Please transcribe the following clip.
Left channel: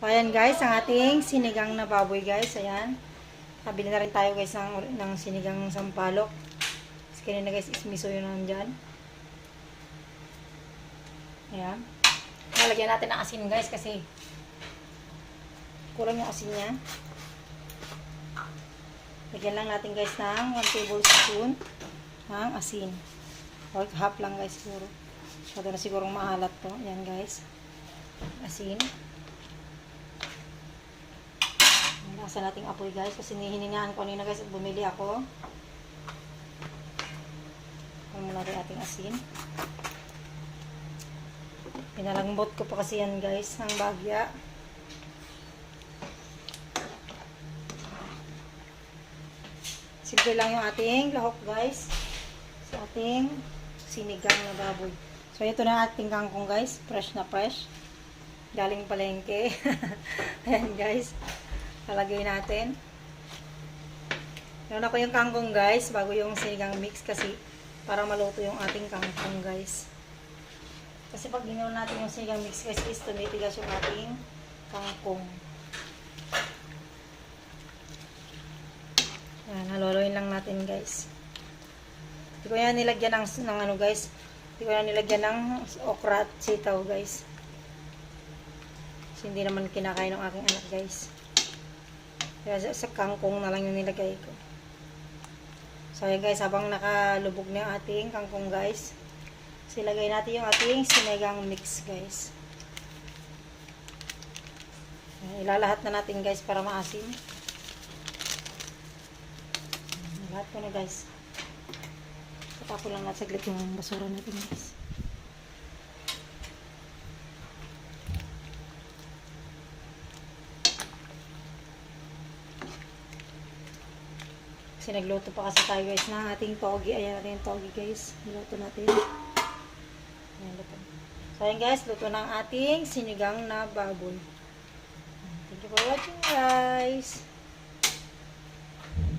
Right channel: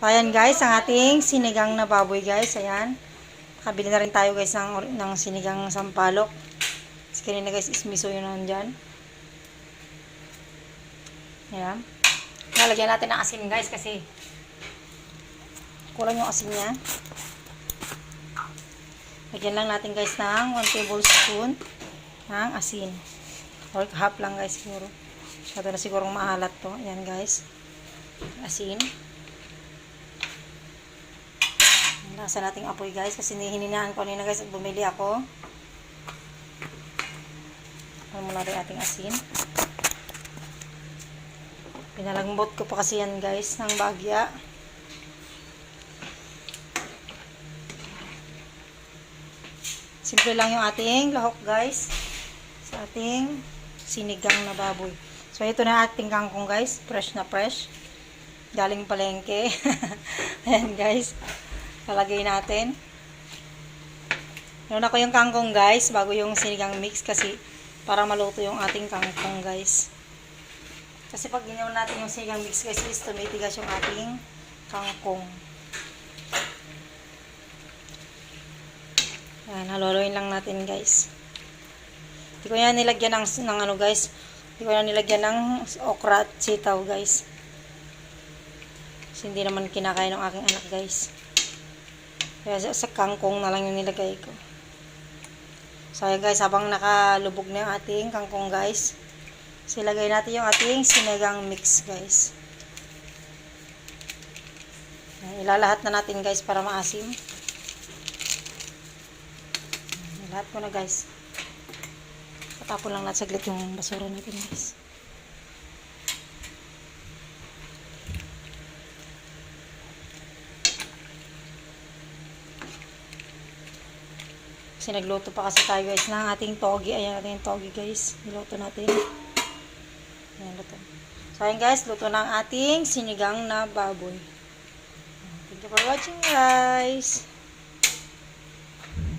So, ayan guys, ang ating sinigang na baboy guys. Ayan. Kabili na rin tayo guys ng sinigang sampalok. Kasi kanina guys, ismiso yun nandyan. Ayan. Lalagyan natin ng asin guys kasi kulang yung asin niya. Lagyan lang natin guys ng 1 tablespoon ng asin. Or half lang guys siguro. Masyado na sigurong maalat to. Ayan guys. Asin. Nasa nating apoy guys kasi hininaan ko kanina guys at bumili ako. Alam mo natin ating asin. Pinalambot ko pa kasi yan guys ng bagya. Simple lang yung ating lahok guys sa ating sinigang na baboy. So ito na ating kangkong guys, fresh na fresh galing palengke. Ayan guys, lalagay natin. Meron ako yung kangkong guys bago yung sinigang mix kasi para maluto yung ating kangkong guys. Kasi pag ginawa natin yung sinigang mix guys is tumitigas yung ating kangkong. Yan, haluin lang natin guys. Hindi ko yan nilagyan ng ano guys. Hindi ko yan nilagyan ng okra at sitaw guys. Kasi hindi naman kinakain ng aking anak guys. Kaya sa kangkong na lang yung nilagay ko. So ayan guys, habang nakalubog na yung ating kangkong guys, silagay natin yung ating sinigang mix guys. Ilalahat na natin guys para maasim. Lahat ko na guys. Patapon lang natin saglit yung basura natin guys. Kasi nagluto pa kasi tayo guys ng ating togi. Ayan natin yung togi guys. Niluto natin. Ayan, luto. So ayan guys, luto na ang ating sinigang na baboy. Thank you for watching guys.